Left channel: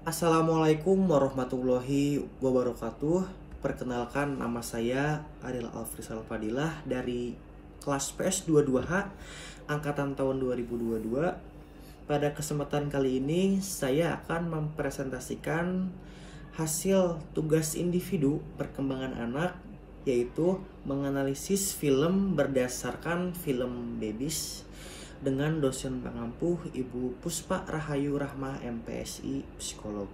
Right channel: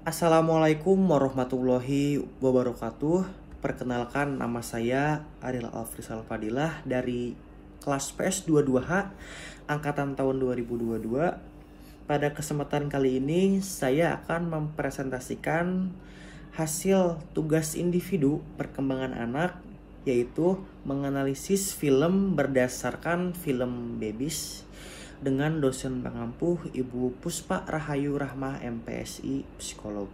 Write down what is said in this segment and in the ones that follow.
Assalamualaikum warahmatullahi wabarakatuh. Perkenalkan, nama saya Ariel Alfrisal Fadilah dari kelas PS 22H angkatan tahun 2022. Pada kesempatan kali ini saya akan mempresentasikan hasil tugas individu perkembangan anak, yaitu menganalisis film berdasarkan film Babies dengan dosen pengampuh Ibu Puspa Rahayu Rahmah MPSI Psikolog.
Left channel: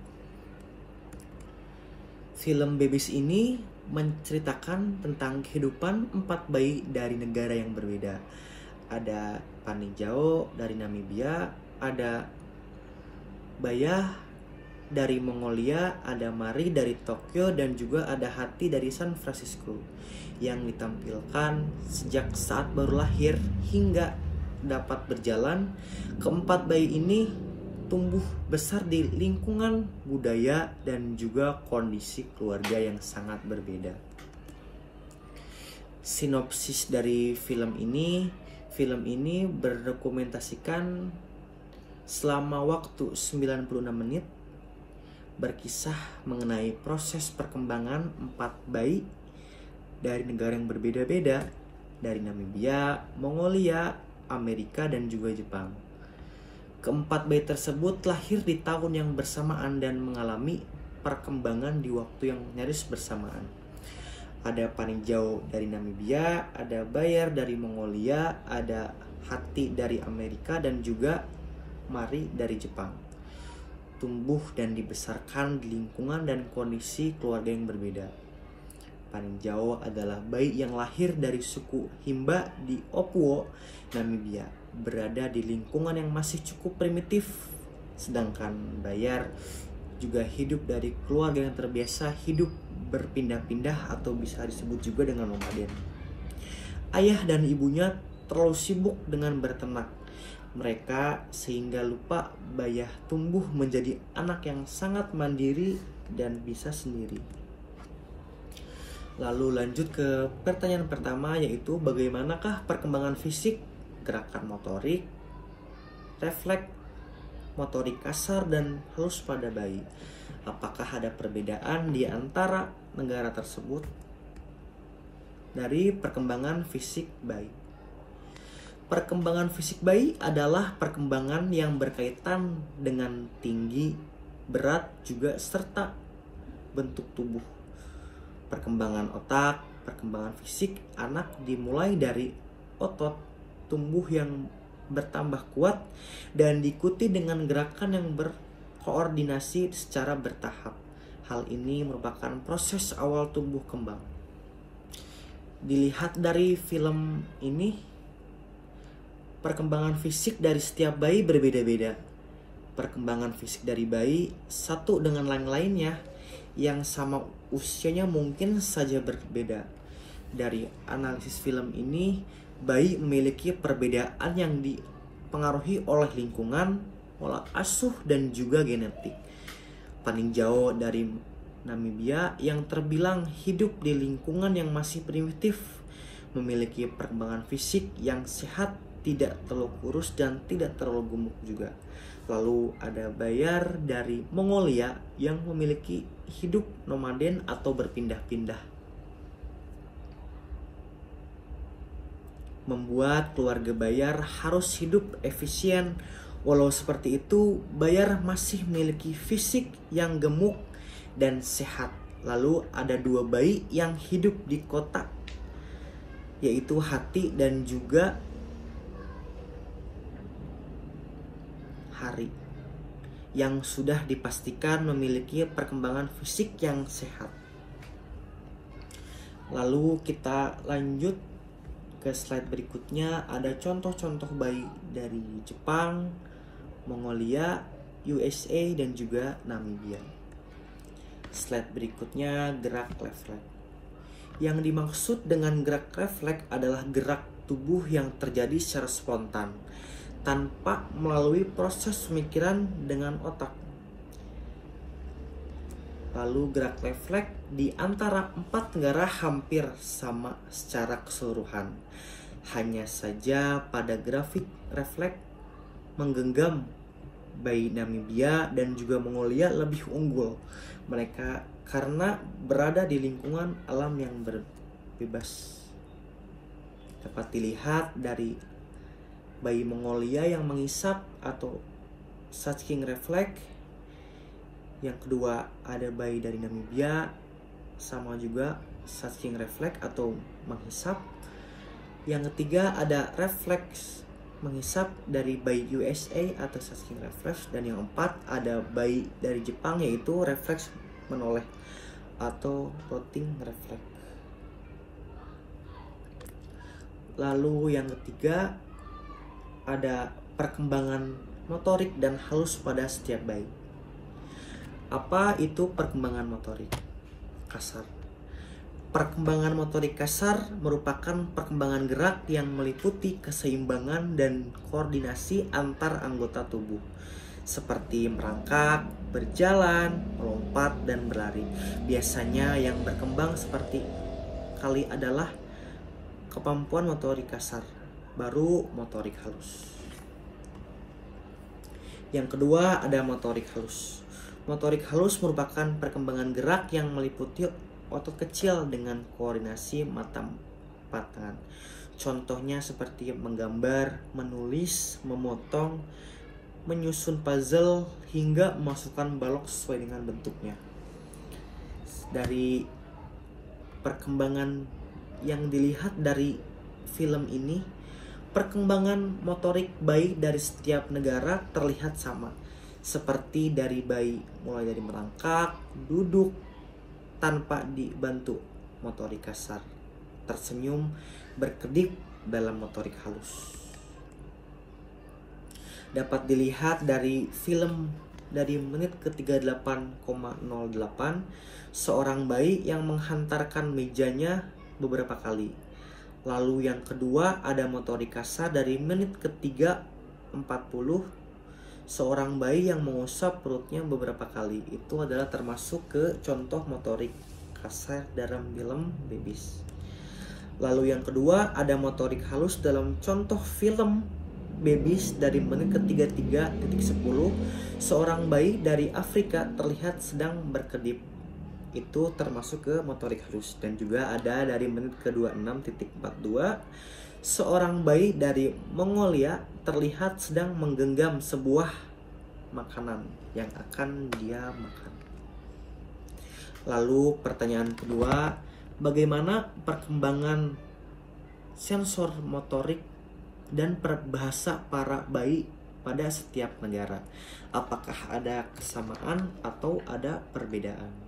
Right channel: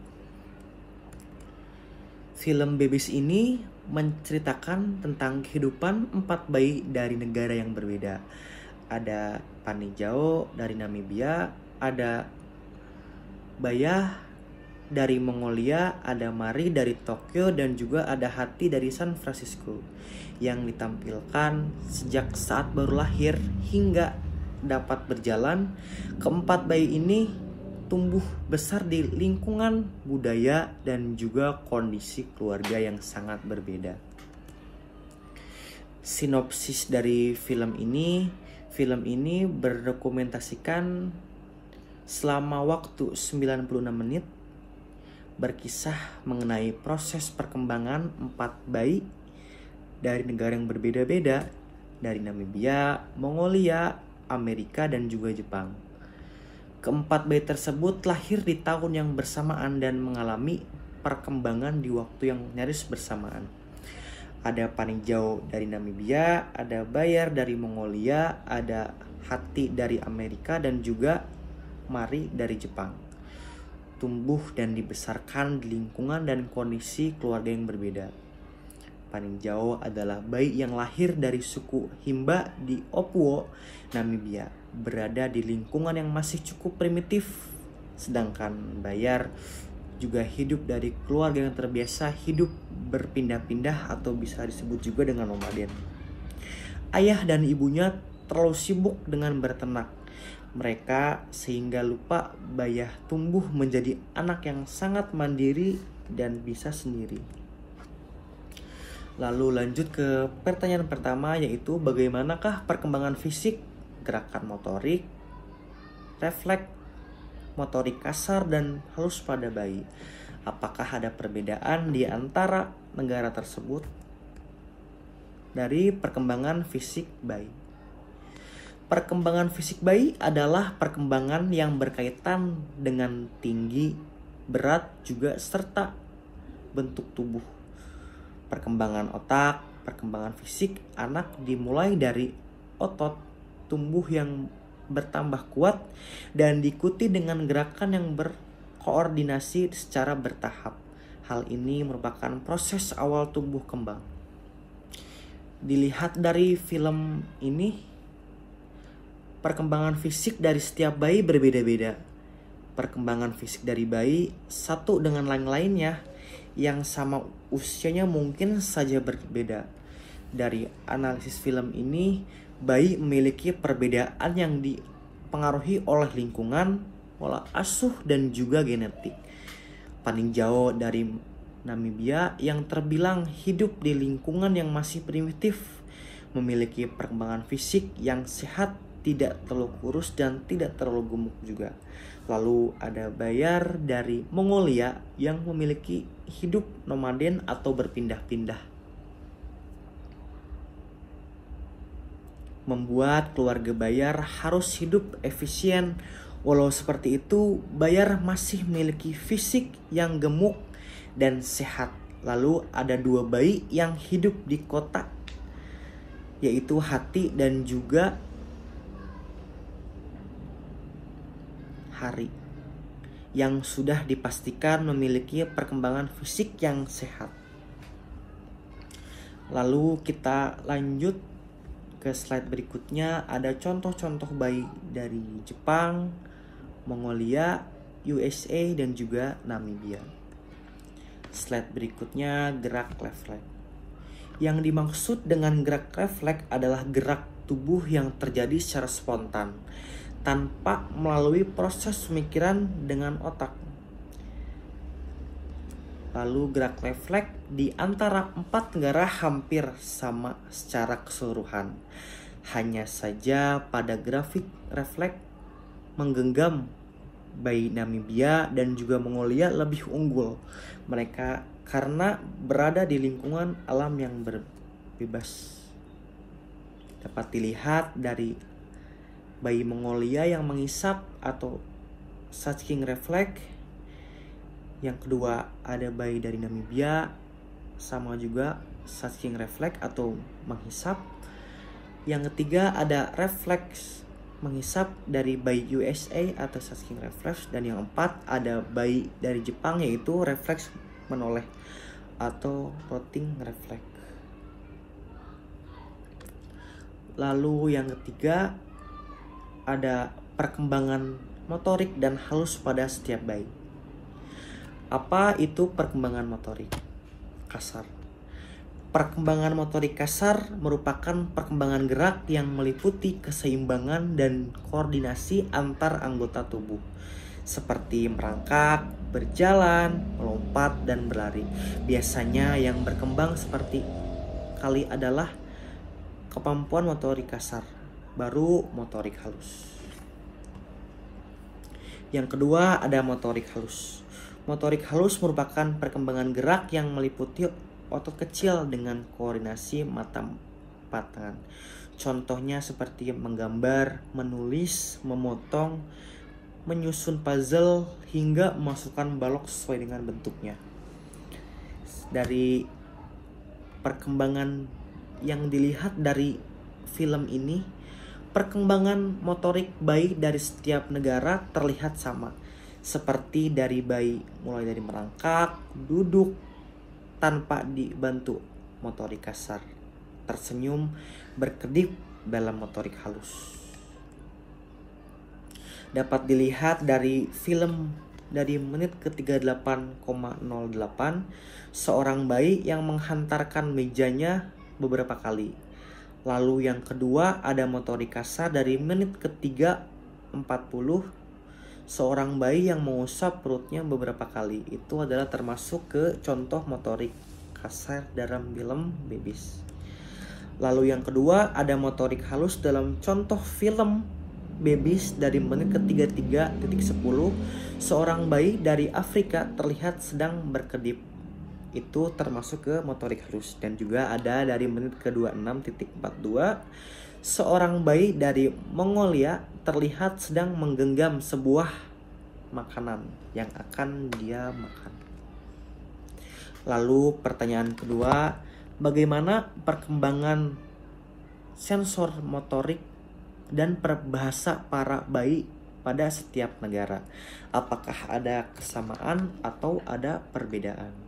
Film Babies ini menceritakan tentang kehidupan 4 bayi dari negara yang berbeda. Ada Panijao dari Namibia, ada Bayah dari Mongolia, ada Mari dari Tokyo, dan juga ada Hati dari San Francisco, yang ditampilkan sejak saat baru lahir hingga dapat berjalan. Keempat bayi ini tumbuh besar di lingkungan budaya dan juga kondisi keluarga yang sangat berbeda. Sinopsis dari film ini berdokumentasikan selama waktu 96 menit, berkisah mengenai proses perkembangan 4 bayi dari negara yang berbeda-beda, dari Namibia, Mongolia, Amerika, dan juga Jepang. Keempat bayi tersebut lahir di tahun yang bersamaan dan mengalami perkembangan di waktu yang nyaris bersamaan. Ada Panijao dari Namibia, ada Bayar dari Mongolia, ada Hati dari Amerika, dan juga Mari dari Jepang. Tumbuh dan dibesarkan di lingkungan dan kondisi keluarga yang berbeda. Panijao adalah bayi yang lahir dari suku Himba di Opuo, Namibia, berada di lingkungan yang masih cukup primitif. Sedangkan Bayar juga hidup dari keluarga yang terbiasa hidup berpindah-pindah atau bisa disebut juga dengan nomaden. Ayah dan ibunya terlalu sibuk dengan berternak mereka sehingga lupa Bayah tumbuh menjadi anak yang sangat mandiri dan bisa sendiri. Lalu lanjut ke pertanyaan pertama, yaitu bagaimanakah perkembangan fisik, gerakan motorik, refleks, motorik kasar, dan halus pada bayi? Apakah ada perbedaan di antara negara tersebut dari perkembangan fisik bayi? Perkembangan fisik bayi adalah perkembangan yang berkaitan dengan tinggi, berat, juga serta bentuk tubuh. Perkembangan otak, perkembangan fisik anak dimulai dari otot tumbuh yang bertambah kuat dan diikuti dengan gerakan yang berkoordinasi secara bertahap. Hal ini merupakan proses awal tumbuh kembang. Dilihat dari film ini, perkembangan fisik dari setiap bayi berbeda-beda. Perkembangan fisik dari bayi satu dengan lain-lainnya yang sama usianya mungkin saja berbeda. Dari analisis film ini, bayi memiliki perbedaan yang dipengaruhi oleh lingkungan, pola asuh, dan juga genetik. Panijao dari Namibia yang terbilang hidup di lingkungan yang masih primitif memiliki perkembangan fisik yang sehat, tidak terlalu kurus dan tidak terlalu gemuk juga. Lalu ada Bayar dari Mongolia yang memiliki hidup nomaden atau berpindah-pindah, membuat keluarga Bayar harus hidup efisien. Walau seperti itu, Bayar masih memiliki fisik yang gemuk dan sehat. Lalu ada 2 bayi yang hidup di kota, yaitu Hati dan juga Hari, yang sudah dipastikan memiliki perkembangan fisik yang sehat. Lalu kita lanjut ke slide berikutnya. Ada contoh-contoh bayi dari Jepang, Mongolia, USA, dan juga Namibia. Slide berikutnya, gerak refleks. Yang dimaksud dengan gerak refleks adalah gerak tubuh yang terjadi secara spontan tanpa melalui proses pemikiran dengan otak. Lalu gerak refleks di antara 4 negara hampir sama secara keseluruhan. Hanya saja pada grafik refleks menggenggam bayi Namibia dan juga Mongolia lebih unggul. Mereka karena berada di lingkungan alam yang bebas. Dapat dilihat dari bayi Mongolia yang menghisap atau sucking reflex. Yang kedua ada bayi dari Namibia, sama juga sucking reflex atau menghisap. Yang ketiga ada refleks menghisap dari bayi USA atau sucking reflex. Dan yang keempat ada bayi dari Jepang, yaitu refleks menoleh atau rotting reflex. Lalu yang ketiga ada perkembangan motorik dan halus pada setiap bayi. Apa itu perkembangan motorik kasar? Perkembangan motorik kasar merupakan perkembangan gerak yang meliputi keseimbangan dan koordinasi antar anggota tubuh, seperti merangkak, berjalan, melompat, dan berlari. Biasanya yang berkembang seperti kali adalah kemampuan motorik kasar, baru motorik halus. Yang kedua ada motorik halus. Motorik halus merupakan perkembangan gerak yang meliputi otot kecil dengan koordinasi mata empat tangan. Contohnya seperti menggambar, menulis, memotong, menyusun puzzle, hingga memasukkan balok sesuai dengan bentuknya. Dari perkembangan yang dilihat dari film ini, perkembangan motorik bayi dari setiap negara terlihat sama. Seperti dari bayi mulai dari merangkak, duduk tanpa dibantu motorik kasar, tersenyum, berkedip dalam motorik halus. Dapat dilihat dari film dari menit ke 38,08, seorang bayi yang menghantarkan mejanya beberapa kali. Lalu yang kedua ada motorik kasar dari menit ke 3:40, seorang bayi yang mengusap perutnya beberapa kali. Itu adalah termasuk ke contoh motorik kasar dalam film Babies. Lalu yang kedua ada motorik halus dalam contoh film Babies dari menit ke 33:10, seorang bayi dari Afrika terlihat sedang berkedip. Itu termasuk ke motorik halus. Dan juga ada dari menit ke 26:42, seorang bayi dari Mongolia terlihat sedang menggenggam sebuah makanan yang akan dia makan. Lalu pertanyaan kedua, bagaimana perkembangan sensor motorik dan perbahasa para bayi pada setiap negara? Apakah ada kesamaan atau ada perbedaan?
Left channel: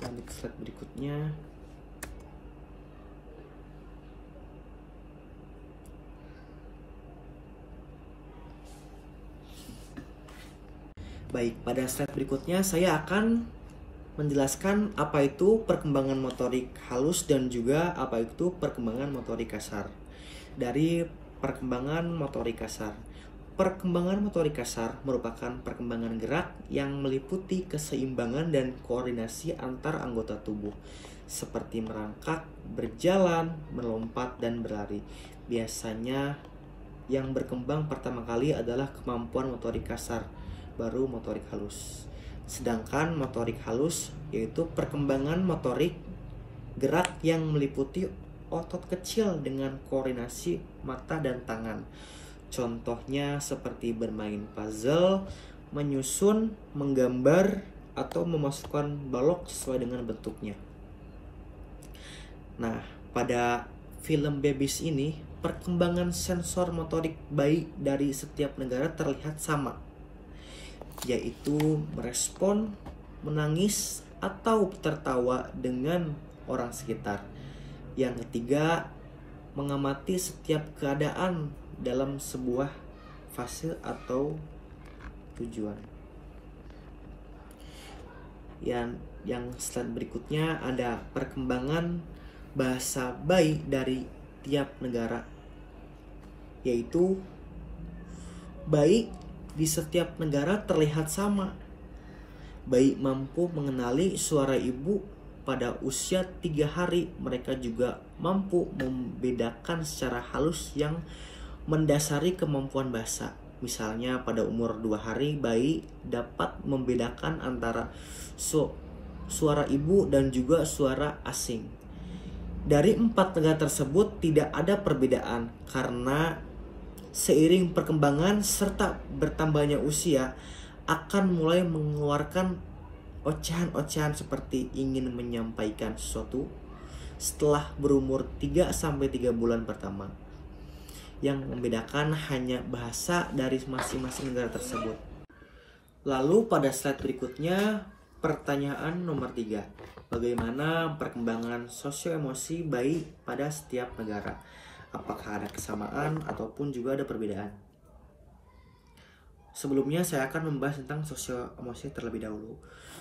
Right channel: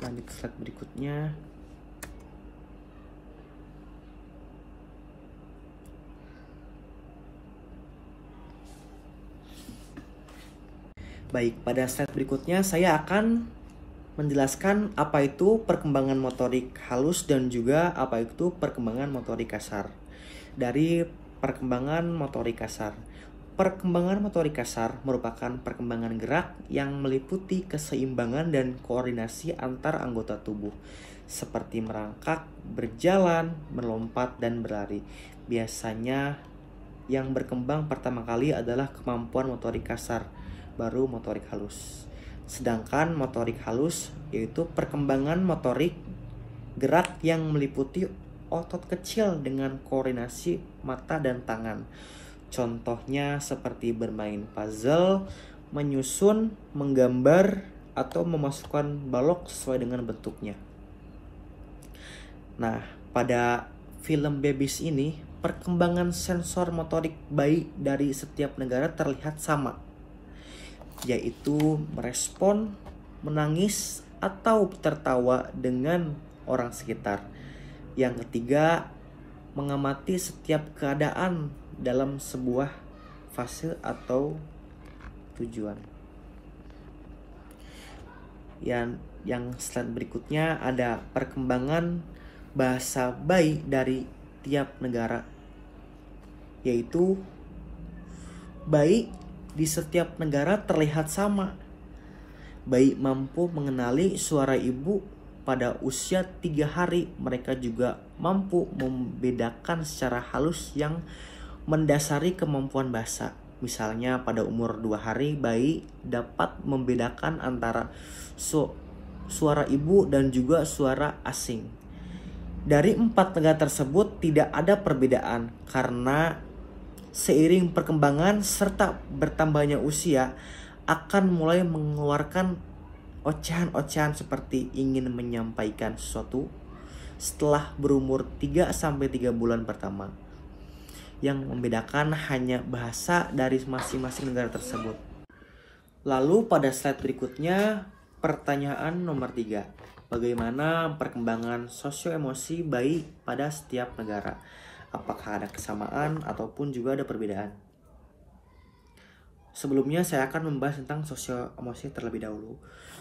Lanjut slide berikutnya. Baik, pada slide berikutnya saya akan menjelaskan apa itu perkembangan motorik halus dan juga apa itu perkembangan motorik kasar. Dari perkembangan motorik kasar. Perkembangan motorik kasar merupakan perkembangan gerak yang meliputi keseimbangan dan koordinasi antar anggota tubuh, seperti merangkak, berjalan, melompat, dan berlari. Biasanya yang berkembang pertama kali adalah kemampuan motorik kasar, baru motorik halus. Sedangkan motorik halus yaitu perkembangan motorik gerak yang meliputi otot kecil dengan koordinasi mata dan tangan. Contohnya seperti bermain puzzle, menyusun, menggambar, atau memasukkan balok sesuai dengan bentuknya. Nah, pada film Babies ini, perkembangan sensor motorik bayi dari setiap negara terlihat sama, yaitu merespon, menangis, atau tertawa dengan orang sekitar. Yang ketiga, mengamati setiap keadaan dalam sebuah fase atau tujuan. Yang slide berikutnya ada perkembangan bahasa bayi dari tiap negara, yaitu bayi di setiap negara terlihat sama. Bayi mampu mengenali suara ibu pada usia 3 hari. Mereka juga mampu membedakan secara halus yang mendasari kemampuan bahasa. Misalnya pada umur 2 hari, bayi dapat membedakan antara suara ibu dan juga suara asing. Dari 4 negara tersebut tidak ada perbedaan karena seiring perkembangan serta bertambahnya usia akan mulai mengeluarkan ocehan-ocehan seperti ingin menyampaikan sesuatu setelah berumur 3-3 bulan pertama. Yang membedakan hanya bahasa dari masing-masing negara tersebut. Lalu pada slide berikutnya, pertanyaan nomor 3. Bagaimana perkembangan sosio-emosi bayi pada setiap negara? Apakah ada kesamaan ataupun juga ada perbedaan? Sebelumnya saya akan membahas tentang sosio-emosi terlebih dahulu.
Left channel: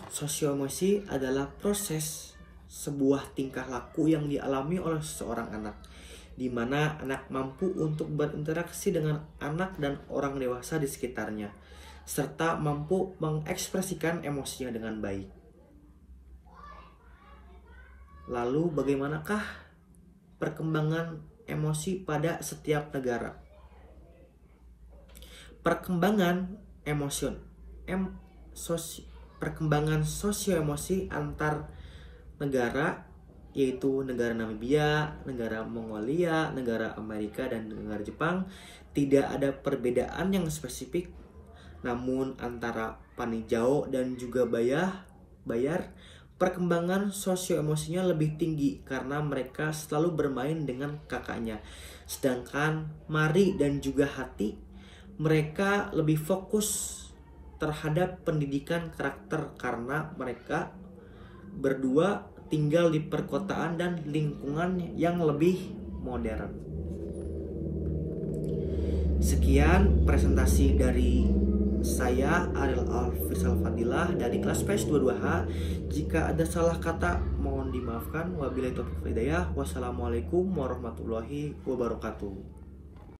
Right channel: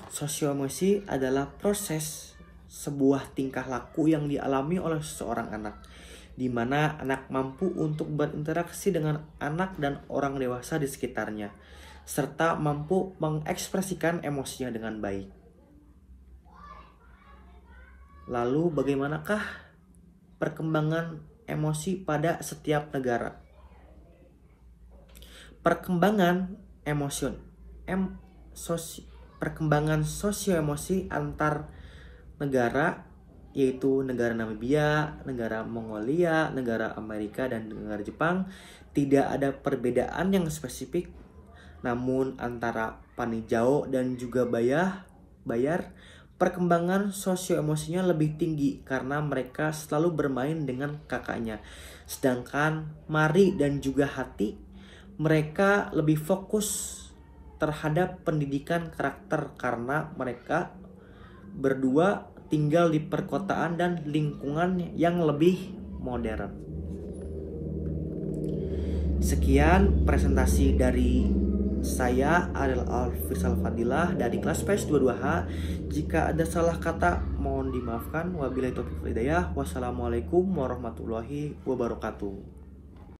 Sosio-emosi adalah proses sebuah tingkah laku yang dialami oleh seseorang anak, di mana anak mampu untuk berinteraksi dengan anak dan orang dewasa di sekitarnya, serta mampu mengekspresikan emosinya dengan baik. Lalu bagaimanakah perkembangan emosi pada setiap negara? Perkembangan sosio-emosi antar negara, yaitu negara Namibia, negara Mongolia, negara Amerika, dan negara Jepang, tidak ada perbedaan yang spesifik. Namun antara Panijau dan juga Bayar, perkembangan sosio-emosinya lebih tinggi karena mereka selalu bermain dengan kakaknya. Sedangkan Mari dan juga Hati, mereka lebih fokus terhadap pendidikan karakter karena mereka berdua tinggal di perkotaan dan lingkungan yang lebih modern. Sekian presentasi dari saya, Ariel Alfirsal Fadilah dari kelas PS 22H. Jika ada salah kata mohon dimaafkan. Wabillahi taufiq wal hidayah. Wassalamualaikum warahmatullahi wabarakatuh.